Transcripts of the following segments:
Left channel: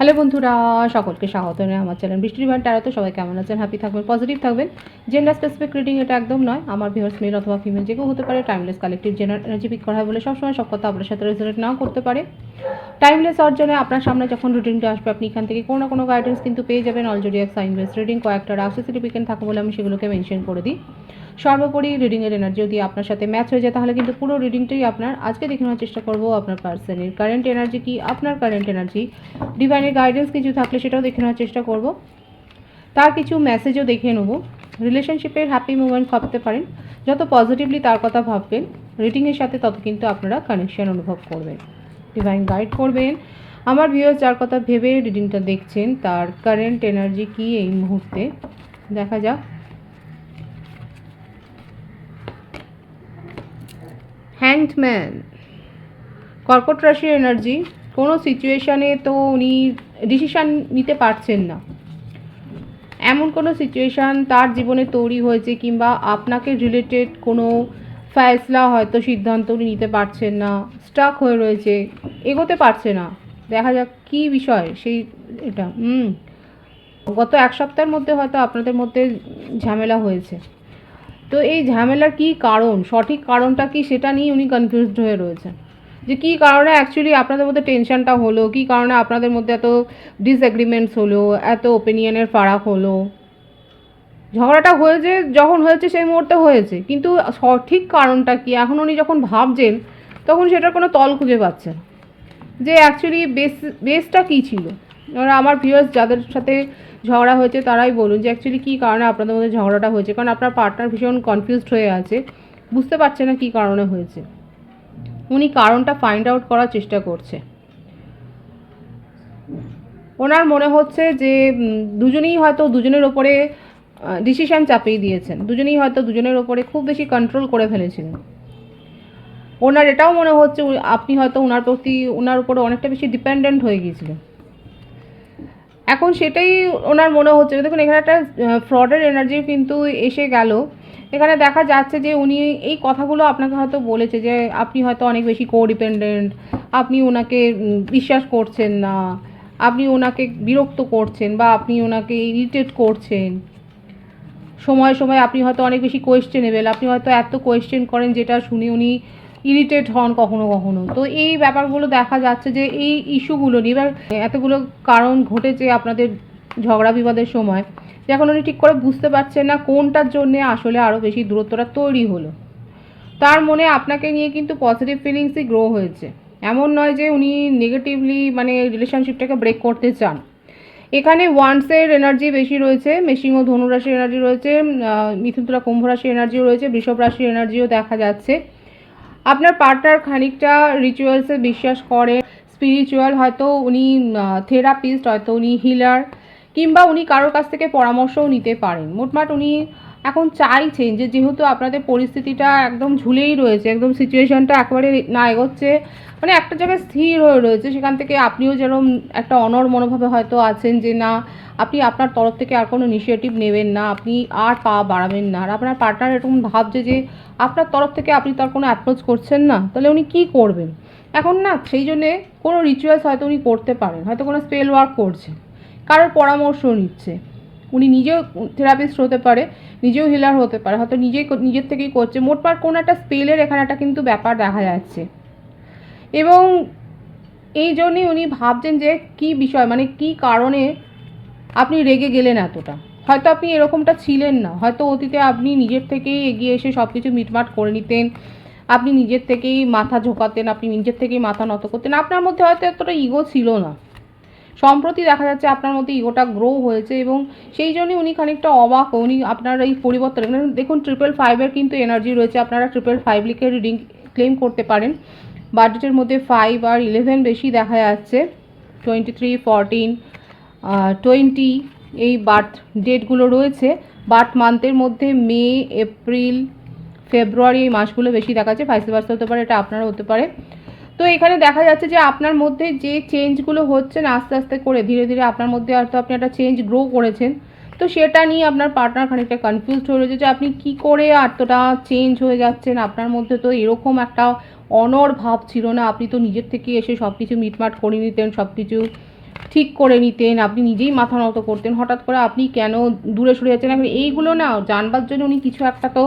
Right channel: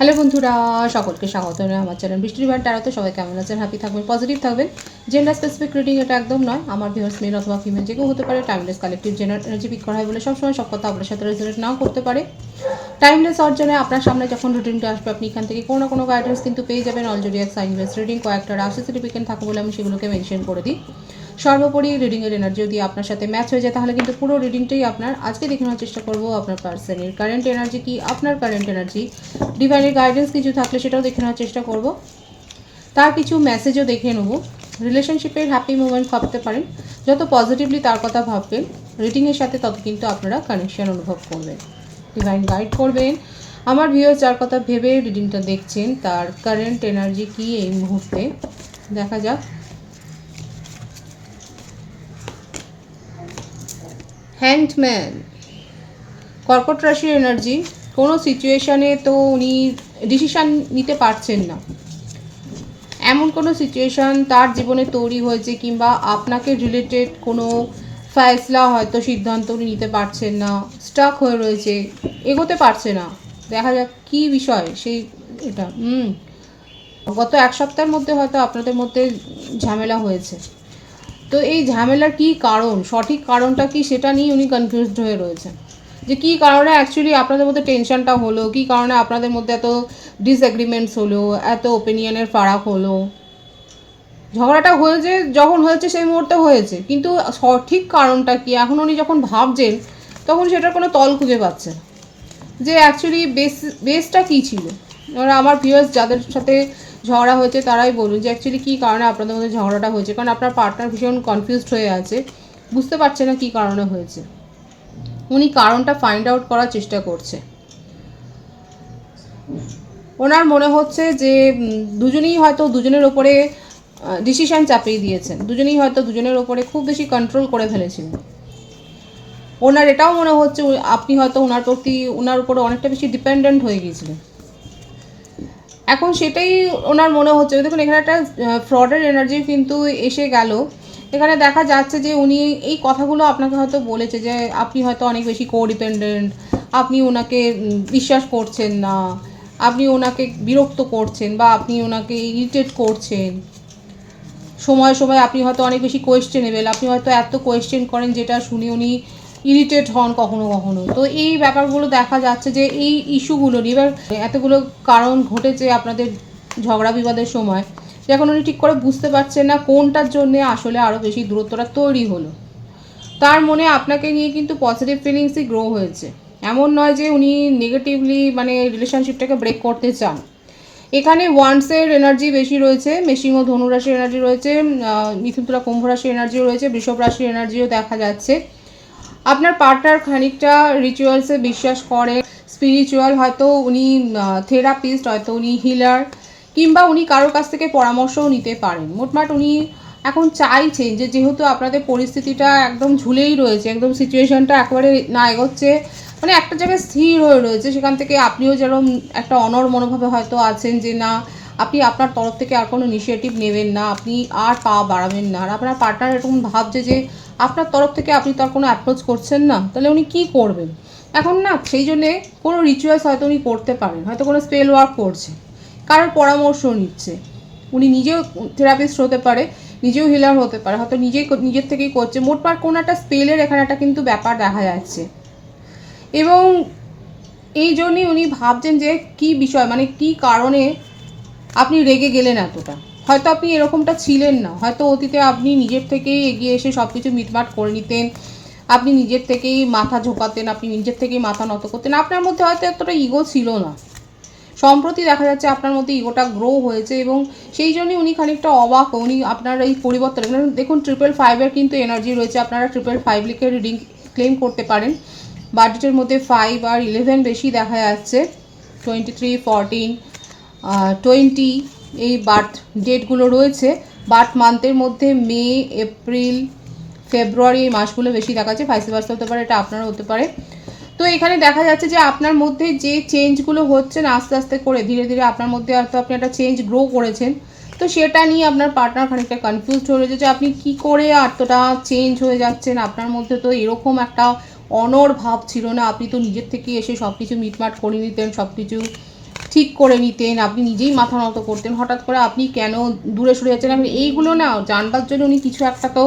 Hello বন্ধুরা, সকলকে স্বাগত জানাই আমার চ্যানেল বৃষ্টির ভান্ডার ট্যারোতে। সবাই কেমন আছেন? হ্যাপি থাকবেন, পজিটিভ থাকবেন। জেন্ডার স্পেসিফিক রিডিং এটা একদম নয়। আমার ভিউয়ার্স মেল অথবা ফিমেল যে কেউ হতে পারে। Timeless collective general energy pick করা হয় বলে সবসময় সব কথা আপনার সাথে রেজোনেট নাও করতে পারে। টাইমলেস অর্জনে আপনার সামনে যখন রিডিংটা আসবে, আপনি এখান থেকে কোনো না কোনো গাইডেন্স কিন্তু পেয়ে যাবেন। অলরেডি এক সাইনলেস রিডিং কয়েকটা রাশি সার্টিফিকেট থাকে বলে আমি সেগুলোকে মেনশন করে দিই। সর্বোপরি রিডিংয়ের এনার্জি যদি আপনার সাথে ম্যাচ হয়ে যায় তাহলে কিন্তু পুরো রিডিংটাই আপনার। আজকে দেখে নেওয়ার চেষ্টা করবো আপনার পার্সনের কারেন্ট এনার্জি কি, আপনার কারেন্ট এনার্জি, ডিভাইনের গাইডেন্স কিছু থাকলে সেটাও দেখে নেওয়ার চেষ্টা করব। তার কিছু মেসেজও দেখে নেব। রিলেশনশিপের হ্যাপি মুভমেন্ট ভাবতে পারেন। যত পজিটিভলি তার কথা ভাববেন রিডিংয়ের সাথে, তত কিন্তু আপনারা কানেকশন অনুভব করবেন, ডিভাইন গাইড করবেন। আমার ভিউয়ার্স যার কথা ভেবে রিডিংটা দেখছেন তার কারেন্ট এনার্জি কি এই মুহূর্তে, দেখা যাক। হ্যাংড ম্যান, কর্কট রাশির এনার্জি। কোনো সিচুয়েশানে তো উনি ডিসিশান নিতে পারছেন না, এমন কোনো সিচুয়েশান তার জীবনে তৈরি হয়েছে, কিংবা আপনাকে রিলেটেড কোনো ফয়সলা হয়তো সিদ্ধান্ত উনি নিতে পারছেন না, স্টাক হয়ে রয়েছে, এগোতে পারছে না। দেখা যাক কী বিষয় সেই এটা। গত এক সপ্তাহের মধ্যে হয়তো আপনাদের মধ্যে ঝামেলা হয়েছে। তো এই ঝামেলার কী কারণ, সঠিক কারণটা কি, সেটা নিয়ে উনি কনফিউজড হয়ে রয়েছেন যে কী কারণে অ্যাকচুয়ালি আপনাদের মধ্যে টেনশনটা হলো, কী কারণে আপনাদের মধ্যে এত ডিসএগ্রিমেন্টস হলো, এত ওপিনিয়নের ফারাক হলো। ঝগড়াটা হয়েছে যখন হয়েছে সেই মুহূর্তে হয়েছে, কিন্তু সঠিক কারণটা কি এখন উনি যখন ভাবছেন তখন সেটার কোনো তল খুঁজে পাচ্ছেন যে অ্যাকচুয়ালি বেসটা কী ছিল। এবার আমার ভিউয়ার্স যাদের সাথে ঝগড়া হয়েছে তারাই বলুন যে অ্যাকচুয়ালি কী কারণে আপনাদের মধ্যে ঝগড়াটা হয়েছে, কারণ আপনার পার্টনার ভীষণ কনফিউজড হয়ে আছে, বুঝতে পারছে না কী কারণে হয়েছে। উনি কারণটা ফাইন্ড আউট করার চেষ্টা করছে। ওনার মনে হচ্ছে যে দুজনেই হয়তো দুজনের ওপরে ডিসিশান চাপিয়ে দিয়েছেন, দুজনেই হয়তো দুজনের ওপরে খুব বেশি কন্ট্রোল করে ফেলেছিলেন। ওনার এটাও মনে হচ্ছে আপনি হয়তো ওনার উপরে অনেকটা বেশি ডিপেন্ডেন্ট হয়ে গিয়েছিলেন। এখন সেটাই ওনার মনে হচ্ছে। দেখুন এখানে একটা ফ্রডের এনার্জি কিন্তু এসে গেল। এখানে দেখা যাচ্ছে যে উনি এই কথাগুলো আপনাকে হয়তো বলেছে যে আপনি হয়তো অনেক বেশি কোডিপেন্ডেন্ট, আপনি ওনাকে বিশ্বাস করছেন না, আপনি ওনাকে বিরক্ত করছেন, বা আপনি ওনাকে ইরিটেট করছেন। সময় সময় আপনি হয়তো অনেক বেশি কোয়েশ্চেনেবেল, আপনি হয়তো এত কোয়েশ্চেন করেন যেটা শুনে উনি ইরিটেট হন কখনো কখনো। তো এই ব্যাপারগুলো দেখা যাচ্ছে যে এই ইস্যুগুলো নিয়ে এবার এতগুলো কারণ ঘটেছে আপনাদের ঝগড়া বিবাদের সময়, যখন উনি ঠিক করে বুঝতে পারছেন না কোনটার জন্যে আসলে আরও বেশি দূরত্বটা তৈরি হলো। তার মনে আপনাকে নিয়ে কিন্তু পজিটিভ ফিলিংসই গ্রো হয়েছে। এমন নয় যে উনি নেগেটিভলি রিলেশনশিপটাকে ব্রেক করতে চান। এখানে ওয়ান্সের এনার্জি বেশি রয়েছে, মেশিং ও ধনুরাশির এনার্জি রয়েছে, মিথুন তুলা কুম্ভ রাশির এনার্জিও রয়েছে, বৃষভ রাশির এনার্জিও দেখা যাচ্ছে। আপনার পার্টনার খানিকটা রিচুয়ালসে বিশ্বাস করে, স্পিরিচুয়াল, হয়তো উনি থেরাপিস্ট, হয়তো উনি হিলার, কিংবা উনি কারোর কাছ থেকে পরামর্শও নিতে পারেন। মোটমাট উনি এখন চাইছেন যে যেহেতু আপনাদের পরিস্থিতিটা একদম ঝুলেই রয়েছে, একদম সিচুয়েশনটা একেবারে না এগোচ্ছে, একটা জায়গায় স্থির হয়ে রয়েছে, সেখান থেকে আপনিও যেরকম একটা অনড় মনোভাবে হয়তো আছেন যে না, আপনি আপনার তরফ থেকে আর কোনো ইনিশিয়েটিভ নেবেন না, আপনি আর পা বাড়াবেন না। আর আপনার পার্টনার এরকম ভাবছে যে আপনার তরফ থেকে আপনি তো আর কোনো অ্যাপ্রোচ করছেন না, তাহলে উনি কী করবেন এখন না। সেই জন্যে কোনো রিচুয়ালস হয়তো উনি করতে পারেন, হয়তো কোনো স্পেল ওয়ার্ক করছে, কারোর পরামর্শ নিচ্ছে। উনি নিজেও থেরাপিস্ট হতে পারে, নিজেও হিলার হতে পারে, হয়তো নিজের থেকেই করছে। মোটমাট কোনো একটা স্পেলের এখানে একটা কিন্তু ব্যাপার দেখা যাচ্ছে। এবং এই জন্যই উনি ভাবছেন যে কী বিষয়, কী কারণে আপনি রেগে গেলেন এতটা। হয়তো আপনি এরকমটা ছিলেন না, হয়তো অতীতে আপনি নিজের থেকেই এগিয়ে এসে সব কিছু মিটমাট করে নিতেন, আপনি নিজের থেকেই মাথা ঝোঁকাতেন, আপনি নিজের থেকেই মাথা নত করতেন, আপনার মধ্যে হয়তো এতটা ইগো ছিল না। সম্প্রতি দেখা যাচ্ছে আপনার মধ্যে ইগোটা গ্রো হয়েছে, এবং সেই জন্যই উনি খানিকটা অবাক। উনি আপনার এই পরিবর্তন দেখুন, 555-এর কিন্তু এনার্জি রয়েছে। আপনারা 555 লিখে রিডিং ক্লেম করতে পারেন। বার্থডেটের মধ্যে 5 আর 11 বেশি দেখা যাচ্ছে। 23, 14, 20 এই বার্থ ডেটগুলো রয়েছে। বার্থ মান্থের মধ্যে মে, এপ্রিল, ফেব্রুয়ারি এই মাসগুলো বেশি দেখা যাচ্ছে। ভাইস ভার্সা হতে পারে, এটা আপনারও হতে পারে। তো এখানে দেখা যাচ্ছে যে আপনার মধ্যে যে চেঞ্জগুলো হচ্ছে না আস্তে আস্তে করে, ধীরে ধীরে আপনার মধ্যে হয়তো আপনি একটা চেঞ্জ গ্রো করেছেন। তো সেটা নিয়ে আপনার পার্টনার খানিকটা কনফিউজড হয়ে রয়েছে যে আপনি কী করে এতটা চেঞ্জ হয়ে যাচ্ছেন। আপনার মধ্যে তো এরকম একটা অনড় ভাব ছিল না, আপনি তো নিজের থেকে এসে সব কিছু মিটমাট করে নিতেন, সব কিছু ঠিক করে নিতেন, আপনি নিজেই মাথা নত করতেন, হঠাৎ করে আপনি কেন দূরে সরে যাচ্ছেন, আপনি এইগুলো না জানবার জন্য উনি কিছু একটা তো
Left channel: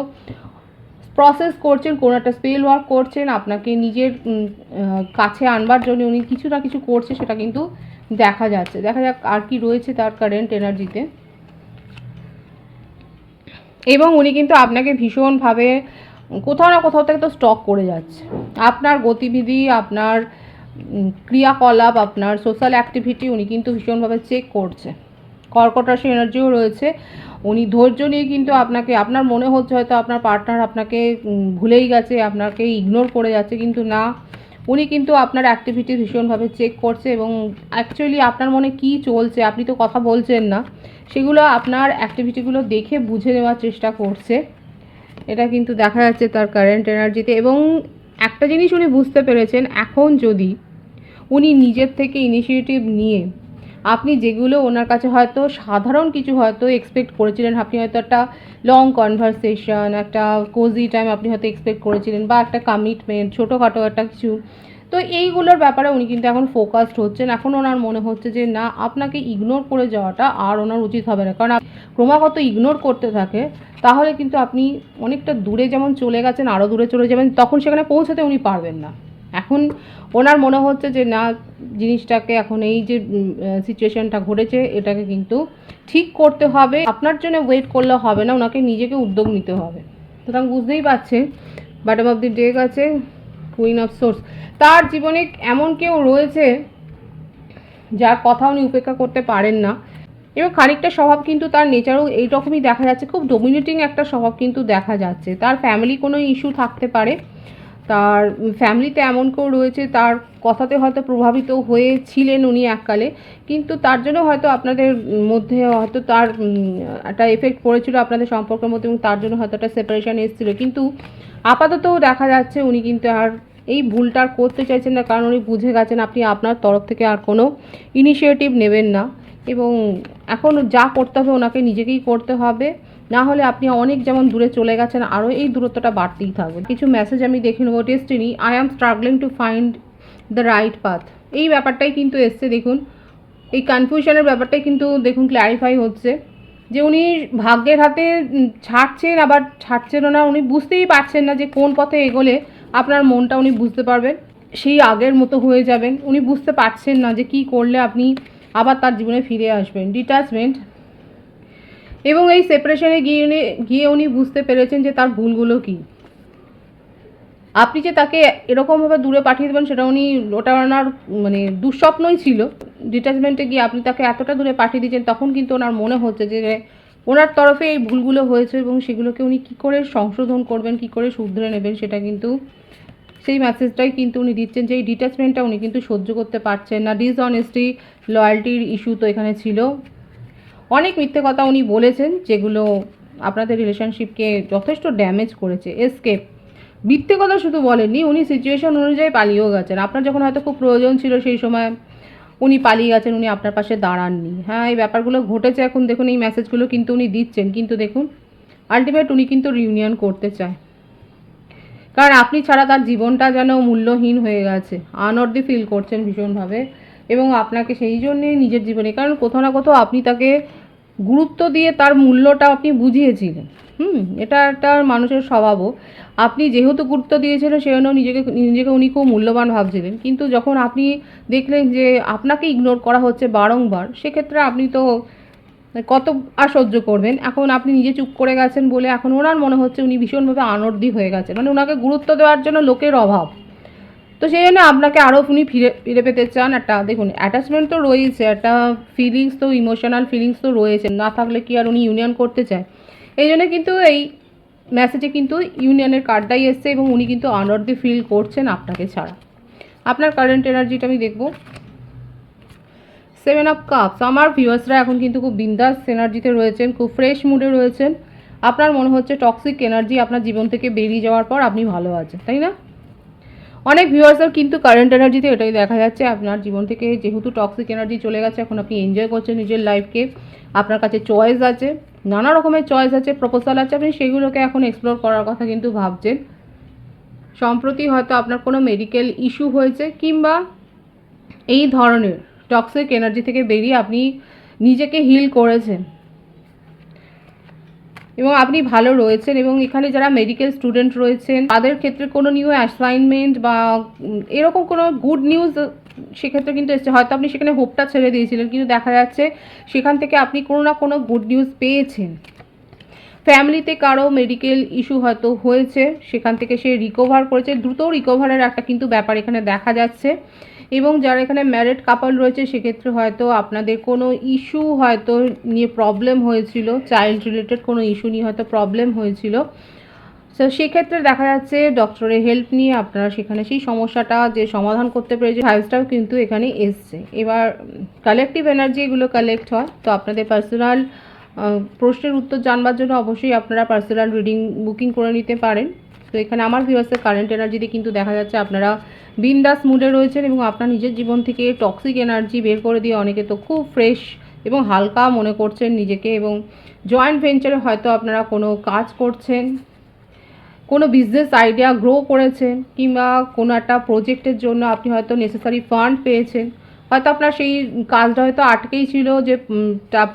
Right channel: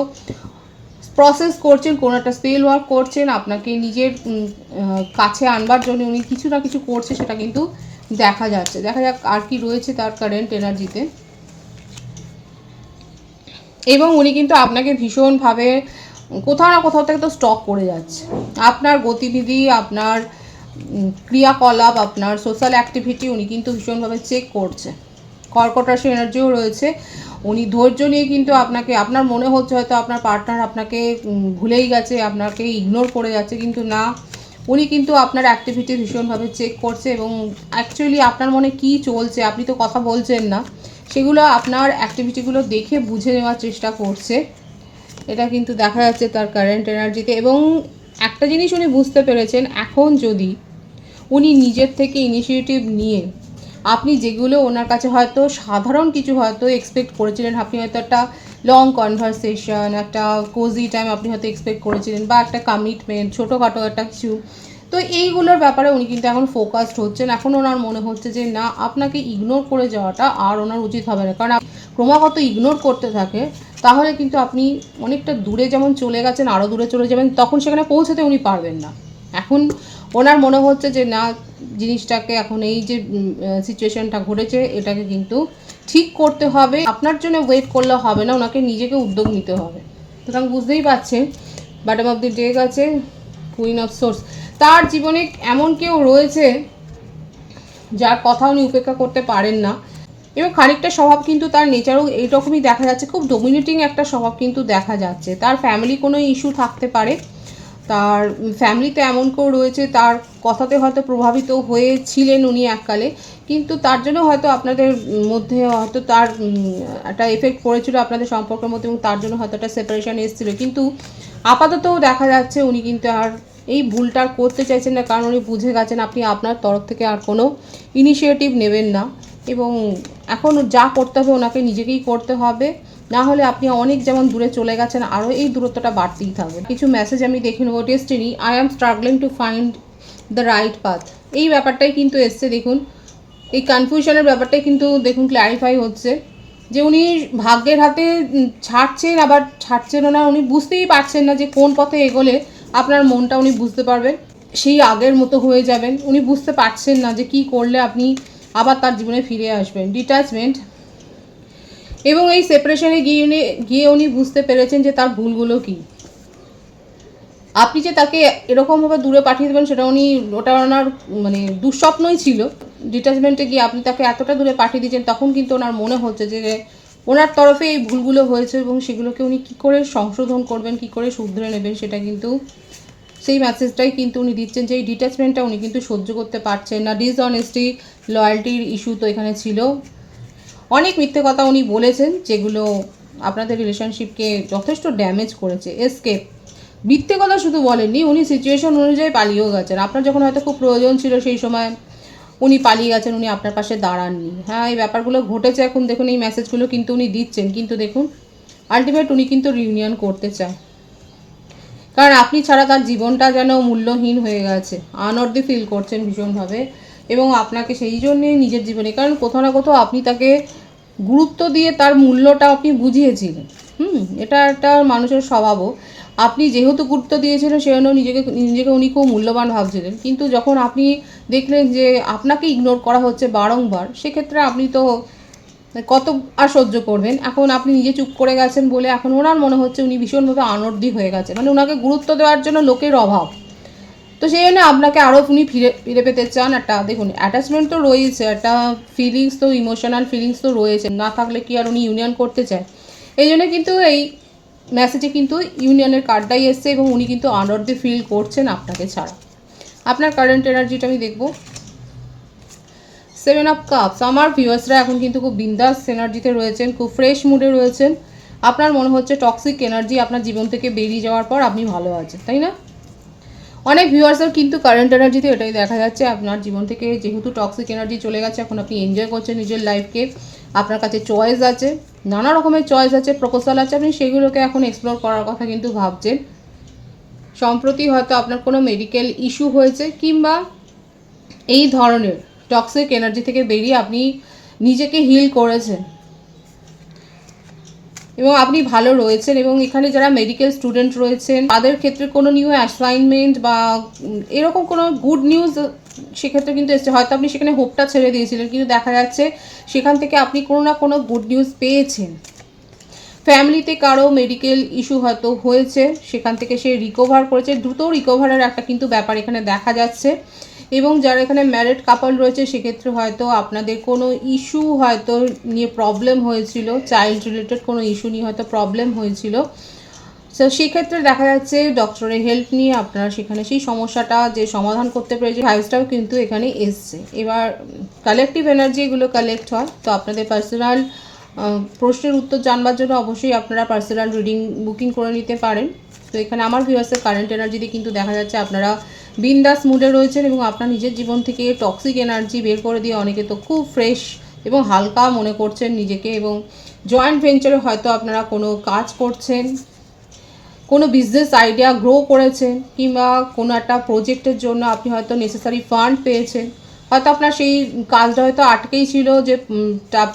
প্রসেস করছেন, কোনো একটা স্পেল ওয়ার্ক করছেন, আপনাকে নিজের কাছে আনবার জন্য উনি কিছু না কিছু করছে, সেটা কিন্তু দেখা যাচ্ছে। দেখা যাক আর কি রয়েছে তার কারেন্ট এনার্জিতে। এবং উনি কিন্তু আপনাকে ভীষণভাবে কোথাও না কোথাও থেকে তো স্টক করে যাচ্ছে। আপনার গতিবিধি, আপনার ক্রিয়াকলাপ, আপনার সোশ্যাল অ্যাক্টিভিটি উনি কিন্তু ভীষণভাবে চেক করছে। কর্কট রাশি এনার্জিও রয়েছে। উনি ধৈর্য নিয়ে কিন্তু আপনাকে, আপনার মনে হচ্ছে হয়তো আপনার পার্টনার আপনাকে ভুলেই গেছে, আপনাকে ইগনোর করে যাচ্ছে, কিন্তু না, উনি কিন্তু আপনার অ্যাক্টিভিটি ভীষণভাবে চেক করছে এবং অ্যাকচুয়ালি আপনার মনে কী চলছে, আপনি তো কথা বলছেন না, সেগুলো আপনার অ্যাক্টিভিটিগুলো দেখে বুঝে নেওয়ার চেষ্টা করছে। এটা কিন্তু দেখা যাচ্ছে তার কারেন্ট এনার্জিতে। এবং একটা জিনিস উনি বুঝতে পেরেছেন, এখন যদি উনি নিজের থেকে ইনিশিয়েটিভ নিয়ে, আপনি যেগুলো ওনার কাছে হয়তো সাধারণ কিছু হয়তো এক্সপেক্ট করেছিলেন, আপনি হয়তো একটা লং কনভারসেশন, একটা কোজি টাইম আপনি হয়তো এক্সপেক্ট করেছিলেন, বা একটা কমিটমেন্ট, ছোটোখাটো একটা কিছু, তো এইগুলোর ব্যাপারে উনি কিন্তু এখন ফোকাসড হচ্ছেন। এখন ওনার মনে হচ্ছে যে না, আপনাকে ইগনোর করে যাওয়াটা আর ওনার উচিত হবে না, কারণ ক্রমাগত ইগনোর করতে থাকে তাহলে কিন্তু আপনি অনেকটা দূরে যেমন চলে গেছেন, আরও দূরে চলে যাবেন, তখন সেখানে পৌঁছাতে উনি পারবেন না। এখন ওনার মনে হচ্ছে যে না, জিনিসটাকে এখন এই যে সিচুয়েশনটা ঘটেছে এটাকে কিন্তু ঠিক করতে হবে, আপনার জন্য ওয়েট করলে হবে না, ওনাকে নিজেকে উদ্যোগ নিতে হবে। সুতরাং বুঝতেই পারছেন, বটম অফ দি ডেক আছে কুইন অফ সোর্স। তার জীবনে এমন কেউ রয়েছে যার কথা উনি উপেক্ষা করতে পারেন না, এবং খানিকটা স্বভাব কিন্তু তার নেচারও এইরকমই দেখা যাচ্ছে, খুব ডমিনেটিং একটা স্বভাব কিন্তু দেখা যাচ্ছে। তার ফ্যামিলি কোনো ইস্যু থাকতে পারে, তার ফ্যামিলিতে এমন কেউ রয়েছে, তার কথাতে হয়তো প্রভাবিত হয়েছিলেন উনি এককালে, কিন্তু তার জন্য হয়তো আপনাদের মধ্যে হয়তো তার একটা এফেক্ট পড়েছিল আপনাদের সম্পর্কের মধ্যে, এবং তার জন্য হয়তো একটা সেপারেশন এসেছিল। কিন্তু আপাতত দেখা যাচ্ছে উনি কিন্তু আর এই ভুলটা আর করতে চাইছেন না, কারণ উনি বুঝে গেছেন আপনি আপনার তরফ থেকে আর কোনো ইনিশিয়েটিভ নেবেন না, এবং এখন যা করতে হবে ওনাকে নিজেকেই করতে হবে, না হলে আপনি অনেক যেমন দূরে চলে গেছেন, আরও এই দূরত্বটা বাড়তেই থাকবে। কিছু মেসেজ আমি দেখে নেবো। Destiny, I am struggling to find the right path, এই ব্যাপারটাই কিন্তু এসছে। দেখুন এই কনফিউশনের ব্যাপারটাই কিন্তু দেখুন ক্ল্যারিফাই হচ্ছে, যে উনি ভাগ্যের হাতে ছাড়ছেন, আবার ছাড়ছেন না, উনি বুঝতেই পারছেন না যে কোন পথে এগোলে আপনার মনটা উনি বুঝতে পারবেন, সেই আগের মতো হয়ে যাবেন। উনি বুঝতে পারছেন না যে কি করলে আপনি আবার তার জীবনে ফিরে আসবেন। ডিট্যাচমেন্ট, এবং এই সেপারেশনে গিয়ে উনি বুঝতে পেরেছেন যে তার ভুলগুলো কী। আপনি যে তাকে এরকমভাবে দূরে পাঠিয়ে দেবেন সেটা উনি, ওটা ওনার মানে দুঃস্বপ্নই ছিল। ডিট্যাচমেন্টে গিয়ে আপনি তাকে এতটা দূরে পাঠিয়ে দিয়েছেন, তখন কিন্তু ওনার মনে হচ্ছে যে ওনার তরফে এই ভুলগুলো হয়েছে, এবং সেগুলোকে উনি কী করে সংশোধন করবেন, কী করে শুধরে নেবেন, সেটা কিন্তু সেই মেসেজটাই কিন্তু উনি দিচ্ছেন, যে এই ডিট্যাচমেন্টটা উনি কিন্তু সহ্য করতে পারছেন না। ডিসঅনেস্টি, লয়্যালটির ইস্যু তো এখানে ছিল, অনেক মিথ্যে কথা উনি বলেছেন যেগুলো আপনাদের রিলেশনশিপকে যথেষ্ট ড্যামেজ করেছে। এসকেপ, মিথ্যে কথা শুধু বলেননি, উনি সিচুয়েশন অনুযায়ী পালিয়েও গেছেন। আপনার যখন হয়তো খুব প্রয়োজন ছিল সেই সময় উনি পালিয়ে গেছেন, উনি আপনার পাশে দাঁড়াননি। হ্যাঁ, এই ব্যাপারগুলো ঘটেছে। এখন দেখুন এই মেসেজগুলো কিন্তু উনি দিচ্ছেন, কিন্তু দেখুন আলটিমেট উনি কিন্তু রিউনিয়ন করতে চায়, কারণ আপনি ছাড়া তার জীবনটা যেন মূল্যহীন হয়ে গেছে, আনঅর্দি ফিল করছেন ভীষণভাবে, এবং আপনাকে সেই জন্যে নিজের জীবনে, কারণ কোথাও না কোথাও আপনি তাকে গুরুত্ব দিয়ে তার মূল্যটা আপনি বুঝিয়েছিলেন। এটা একটা মানুষের স্বভাবও, আপনি যেহেতু গুরুত্ব দিয়েছিলেন সেজন্য নিজেকে উনি খুব মূল্যবান ভাবছিলেন, কিন্তু যখন আপনি দেখলেন যে আপনাকে ইগনোর করা হচ্ছে বারংবার, সেক্ষেত্রে আপনি তো কত আর সহ্য করবেন। এখন আপনি নিজে চুপ করে গেছেন বলে এখন ওনার মনে হচ্ছে উনি ভীষণভাবে আনর্দি হয়ে গেছে, মানে ওনাকে গুরুত্ব দেওয়ার জন্য লোকের অভাব, তো সেই জন্য আপনাকে আরও উনি ফিরে পেতে চান। একটা দেখুন অ্যাটাচমেন্ট তো রয়েছে, একটা ফিলিংস তো, ইমোশনাল ফিলিংস তো রয়েছে, না থাকলে কি আর উনি ইউনিয়ন করতে চায়। এই জন্য কিন্তু এই মেসেজে কিন্তু ইউনিয়নের কার্ডটাই এসছে, এবং উনি কিন্তু আনঅর্দি ফিল করছেন আপনাকে ছাড়া। আপনার কারেন্ট এনার্জিটা আমি দেখব। 7 অফ কাপস, আমার ভিউয়ার্সরা এখন কিন্তু খুব বিন্দাস এনার্জিতে রয়েছেন, খুব ফ্রেশ মুডে রয়েছেন। আপনার মনে হচ্ছে টক্সিক এনার্জি আপনার জীবন থেকে বেরিয়ে যাওয়ার পর আপনি ভালো আছেন, তাই না? অনেক ভিউয়ার্সের কিন্তু কারেন্ট এনার্জিতে এটাই দেখা যাচ্ছে, আপনার জীবন থেকে যেহেতু টক্সিক এনার্জি চলে গেছে, এখন আপনি এনজয় করছেন নিজের লাইফকে, আপনার কাছে চয়েস আছে, নানা রকমের চয়েস আছে, প্রপোজাল আছে, আপনি সেগুলোকে এখন এক্সপ্লোর করার কথা কিন্তু ভাবছেন। সম্প্রতি হয়তো আপনার কোনো মেডিকেল ইস্যু হয়েছে, কিংবা এই ধরনের টক্সিক এনার্জি থেকে বেরিয়ে আপনি নিজেকে হিল করেছেন এবং আপনি ভালো রয়েছেন। এবং এখানে যারা মেডিকেল স্টুডেন্ট রয়েছেন তাদের ক্ষেত্রে কোনো নিউ অ্যাসাইনমেন্ট বা এরকম কোনো গুড নিউজ সেক্ষেত্রে কিন্তু এসছে। হয়তো আপনি সেখানে হোপটা ছেড়ে দিয়েছিলেন, কিন্তু দেখা যাচ্ছে সেখান থেকে আপনি কোনো না কোনো গুড নিউজ পেয়েছেন। ফ্যামিলিতে কারো মেডিকেল ইস্যু হয়তো হয়েছে, সেখান থেকে সে রিকভার করেছে, দ্রুত রিকভারের একটা কিন্তু ব্যাপার এখানে দেখা যাচ্ছে। এবং যারা এখানে ম্যারিড কাপল রয়েছে সেক্ষেত্রে হয়তো আপনাদের কোনো ইস্যু হয়তো নিয়ে প্রবলেম হয়েছিল, চাইল্ড রিলেটেড কোনো ইস্যু নিয়ে হয়তো প্রবলেম হয়েছিল। সো সেক্ষেত্রে দেখা যাচ্ছে ডক্টরের হেল্প নিয়ে আপনারা সেখানে সেই সমস্যাটা যে সমাধান করতে পেরেছে, ভাইবসটাও কিন্তু এখানে এসছে। এবার কালেকটিভ এনার্জি এগুলো কালেক্ট হয়। তো আপনাদের পার্সোনাল প্রশ্নের উত্তর জানবার জন্য অবশ্যই আপনারা পার্সোনাল রিডিং বুকিং করে নিতে পারেন। তো এখানে আমার ভিউয়ার্সের কারেন্ট এনার্জিতে কিন্তু দেখা যাচ্ছে আপনারা বিন্দাস মুডে রয়েছেন এবং আপনার নিজের জীবন থেকে টক্সিক এনার্জি বের করে দিয়ে অনেকে তো খুব ফ্রেশ এবং হালকা মনে করছেন নিজেকে। এবং জয়েন্ট ভেঞ্চারে হয়তো আপনারা কোনো কাজ করছেন, কোনো বিজনেস আইডিয়া গ্রো করেছেন, কিংবা কোনো একটা প্রজেক্টের জন্য আপনি হয়তো নেসেসারি ফান্ড পেয়েছেন। হয়তো আপনার সেই কাজটা হয়তো আটকেই ছিল, যে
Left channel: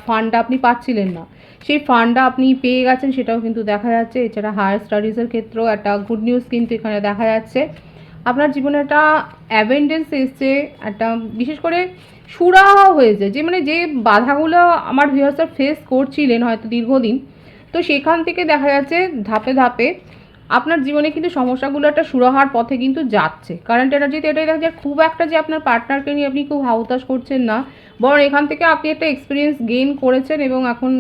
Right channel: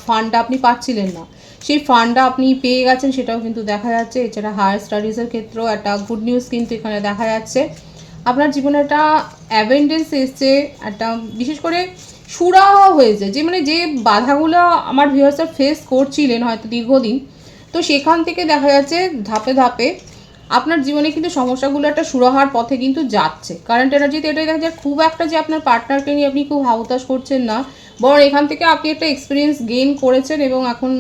ফান্ডটা আপনি পাচ্ছিলেন না, সেই ফান্ডটা আপনি পেয়ে গেছেন, সেটাও কিন্তু দেখা যাচ্ছে। এছাড়া হায়ার স্টাডিজের ক্ষেত্রেও একটা গুড নিউজ কিন্তু এখানে দেখা যাচ্ছে। আপনার জীবনে একটা অ্যাবেন্ডেন্স এসছে, একটা বিশেষ করে সুরাহা হয়েছে, যে মানে যে বাধাগুলো আমার ভিউয়ার্সরা ফেস করছিলেন হয়তো দীর্ঘদিন, তো সেখান থেকে দেখা যাচ্ছে ধাপে ধাপে আপনার জীবনে কিন্তু সমস্যাগুলো একটা সুরাহার পথে কিন্তু যাচ্ছে। কারেন্ট এনার্জিতে এটাই দেখা যায়, খুব একটা যে আপনার পার্টনারকে নিয়ে আপনি খুব হাউতাশ করছেন না, বরং এখান থেকে আপনি একটা এক্সপিরিয়েন্স গেইন করেছেন। এবং এখন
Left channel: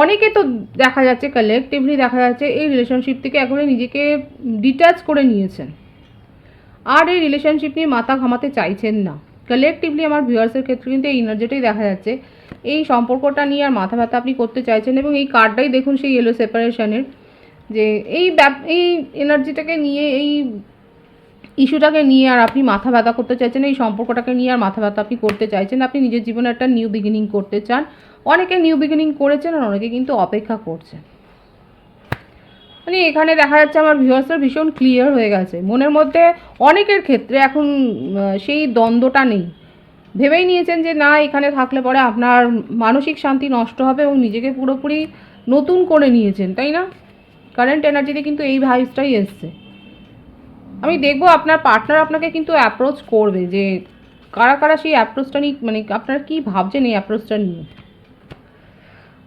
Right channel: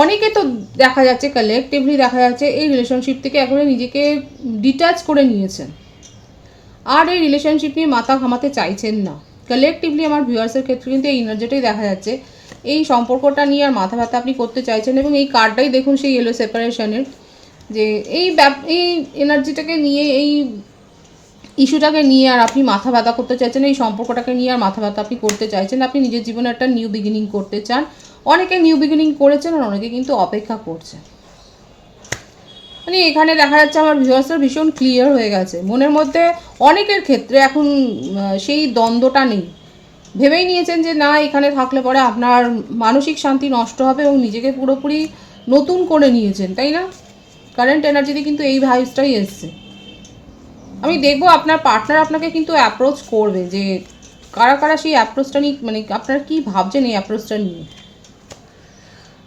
অনেকে তো দেখা যাচ্ছে কালেকটিভলি দেখা যাচ্ছে এই রিলেশনশিপ থেকে এখন নিজেকে ডিট্যাচ করে নিয়েছেন, আর এই রিলেশনশিপ নিয়ে মাথা ঘামাতে চাইছেন না। কালেকটিভলি আমার ভিউয়ার্সের ক্ষেত্রে কিন্তু এই এনার্জিটাই দেখা যাচ্ছে, এই সম্পর্কটা নিয়ে আর মাথা ব্যথা আপনি করতে চাইছেন। এবং এই কার্ডটাই দেখুন সেই ইয়েলো সেপারেশনের, যে এই এনার্জিটাকে নিয়ে, এই ইস্যুটাকে নিয়ে আর আপনি মাথা ব্যথা করতে চাইছেন, এই সম্পর্কটাকে নিয়ে আর মাথা ব্যথা আপনি করতে চাইছেন। আপনি নিজের জীবনে একটা নিউ বিগিনিং করতে চান। অনেকে নিউ বিগিনিং করেছেন আর অনেকে কিন্তু অপেক্ষা করছেন। মানে এখানে দেখা যাচ্ছে আমার ভিউয়ার্সরা ভীষণ ক্লিয়ার হয়ে গেছে মনের মধ্যে। অনেকের ক্ষেত্রে এখন সেই দ্বন্দ্বটা নেই, ভেবেই নিয়েছেন যে না, এখানে থাকলে পরে আপনার মানসিক শান্তি নষ্ট হবে, এবং নিজেকে পুরোপুরি নতুন করে নিয়েছেন, তাই না? কারেন্ট এনার্জিতে কিন্তু এই ভাইবসটাই এসছে। আমি দেখবো আপনার পার্টনার আপনাকে কিন্তু অ্যাপ্রোচ করবে, যে কারা কারা সেই অ্যাপ্রোচটা নিয়ে, মানে আপনারা কী ভাবছেন এই অ্যাপ্রোচটা নিয়ে।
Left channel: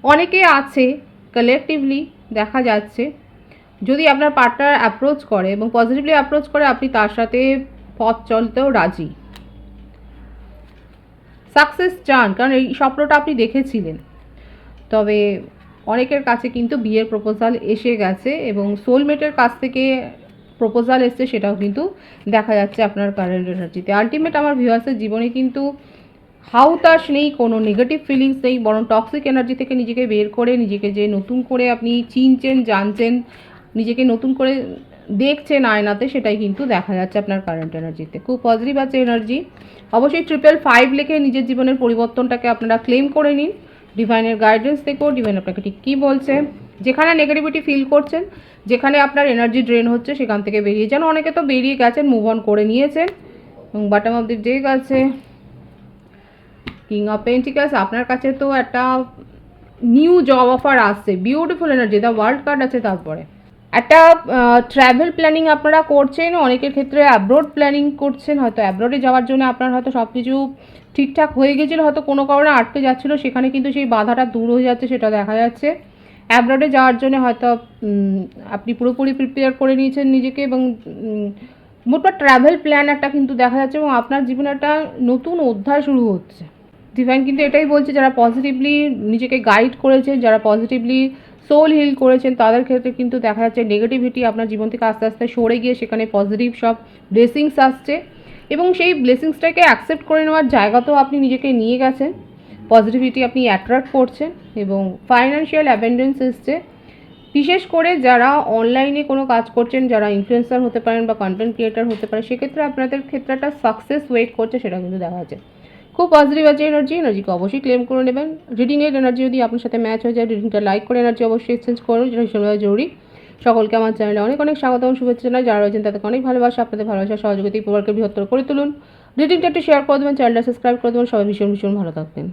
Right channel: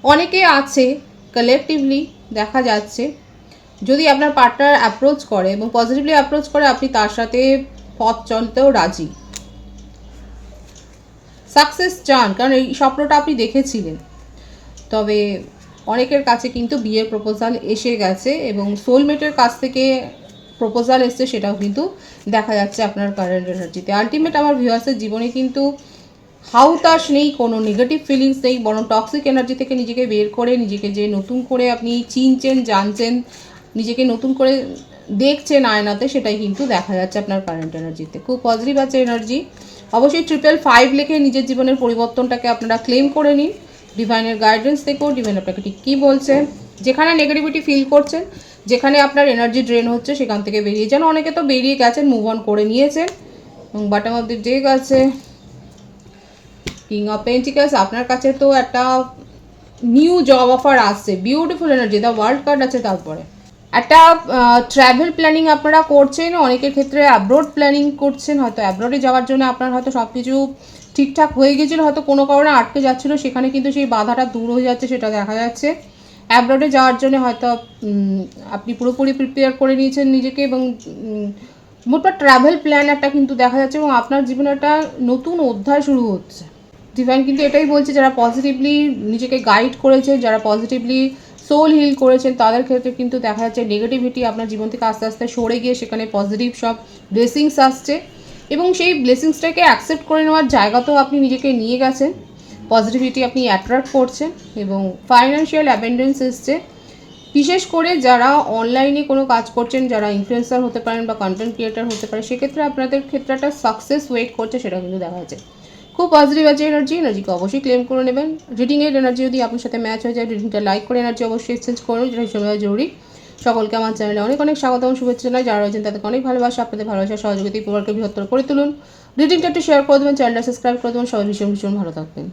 অনেকে আছে কালেকটিভলি দেখা যাচ্ছে, যদি আপনার পার্টনার অ্যাপ্রোচ করে এবং পজিটিভলি অ্যাপ্রোচ করে, আপনি তার সাথে পথ চলতেও রাজি, সাকসেস চান, কারণ এই স্বপ্নটা আপনি দেখেছিলেন। তবে অনেকের কাছে কিন্তু বিয়ের প্রপোজাল এসে গেছে এবং সোলমেটের কাছ থেকে প্রপোজাল এসছে, সেটাও কিন্তু দেখা যাচ্ছে আপনার কারেন্ট এনার্জিতে। আলটিমেট আমার ভিউয়ার্সের জীবনে কিন্তু হাউতাশ নেই, কোনো নেগেটিভ ফিলিংস নেই, বরং টক্সিক এনার্জি থেকে নিজেকে বের করে নিজেকে যে নতুন করে আপনি চিনছেন, জানছেন, নিজেকে নতুন করে দেখছেন আয়নাতে, সেটাই কিন্তু দেখা যাচ্ছে আপনার কারেন্ট এনার্জিতে। খুব পজিটিভ আছে এনার্জি। অবশ্যই 555 লিখে নিজের জীবনের পরিবর্তনটাকে আপনারা ক্লেম করে নিন। ডিভাইনের গাইডেন্স দেখো, ডিভাইন আপনাকে ঠিক কী বলছে। যেখানে নেগেটিভিটি ফিল করছেন, যেখানে আপনার এনার্জি ড্রেন হচ্ছে, সেখান থেকে বেরিয়ে যান। অনেকে তো বেরিয়ে গেছেন, মুভ অন করে নিয়েছেন। এবং বটম অফ দি ডেক আছে কিং অফ পেন্টিকালস। আপনার কাছে তো একটা নিউ জব অফার আসছে, beautiful energy. The world card আছে, তারপরে একটা ট্রাভেল প্ল্যানিং আপনারা করছেন। অনেকের ক্ষেত্রে অ্যাব্রোড প্ল্যানিং করছেন, হয়তো অ্যাব্রোডে যাওয়ার জন্য আপনার হয়তো সব কিছু ঠিকঠাক হয়ে গেছিলো, হয়তো কোনো কারণে আটকে যাচ্ছিলো, সেখানে কিন্তু সেই বাধাটা দূর হয়ে যাচ্ছে, সেটা দেখা যাচ্ছে। অ্যাব্রোডে যাওয়ার জন্য হয়তো আপনি পুরোপুরি প্রিপেয়ার করে নিয়েছেন নিজেকে, এবং মোটটা ট্রাভেল প্ল্যান একটা কিন্তু দেখা যাচ্ছে, এবং আপনার জীবনে একটা নতুন অধ্যায় শুরু হচ্ছে। ডিভাইন কিন্তু এটাই বলছে, যারা পজিটিভলি নিজেকে গাইড করেছেন, যারা পজিটিভলি সোল হিল করেছেন, তাদের ক্ষেত্রে কিন্তু দেখা যাচ্ছে নেগেটিভিটি আপনার জীবন থেকে আস্তে আস্তে সরে গিয়ে সেখানে পজিটিভ সব ব্লেসিংস আসছে, এবং সেই ব্লেসিংসটাকে অ্যাকসেপ্ট করে নেওয়ার জায়গাতেও আপনি নিজেকে নিয়ে গেছেন। পজিটিভিটি আপনি অ্যাট্রাক্ট করছেন, এবং ফাইন্যান্সিয়াল অ্যাবেন্ডেন্স এসছে। বিশেষ করে যারা অনলাইনে কোনো কাজ করছেন, যারা ইনফ্লুয়েন্সার হতে পারেন বা কন্টেন্ট ক্রিয়েটার হতে পারে, সেক্ষেত্রে আপনাদের ক্ষেত্রে একটা সাকসেস ওয়েট করছে, সেটা কিন্তু দেখা যাচ্ছে। খুব পজিটিভ আছে এনার্জিকে অবশ্যই ক্লেম করে নেবেন। রিডিংয়ের এনার্জি যদি আপনার সাথে ম্যাচ হয়ে যায়, রিডিংটা লাইক করে এনার্জি অবশ্যই এক্সচেঞ্জ করুন, যেটা ভীষণভাবে জরুরি। সকলকে আমার চ্যানেলে অনেক অনেক স্বাগত এবং শুভেচ্ছা জানাই। যারা রয়েছেন তাদেরকে অনেক ভালোবাসা, আপনাদের ভালোবাসা সহযোগিতায় পরিবারকে বৃহত্তর করে তুলুন। রিডিংটা একটু শেয়ার করে দেবেন, চ্যানেলটা সাবস্ক্রাইব করে দেবেন। সবাই ভীষণ ভীষণ ভালো থাকবেন।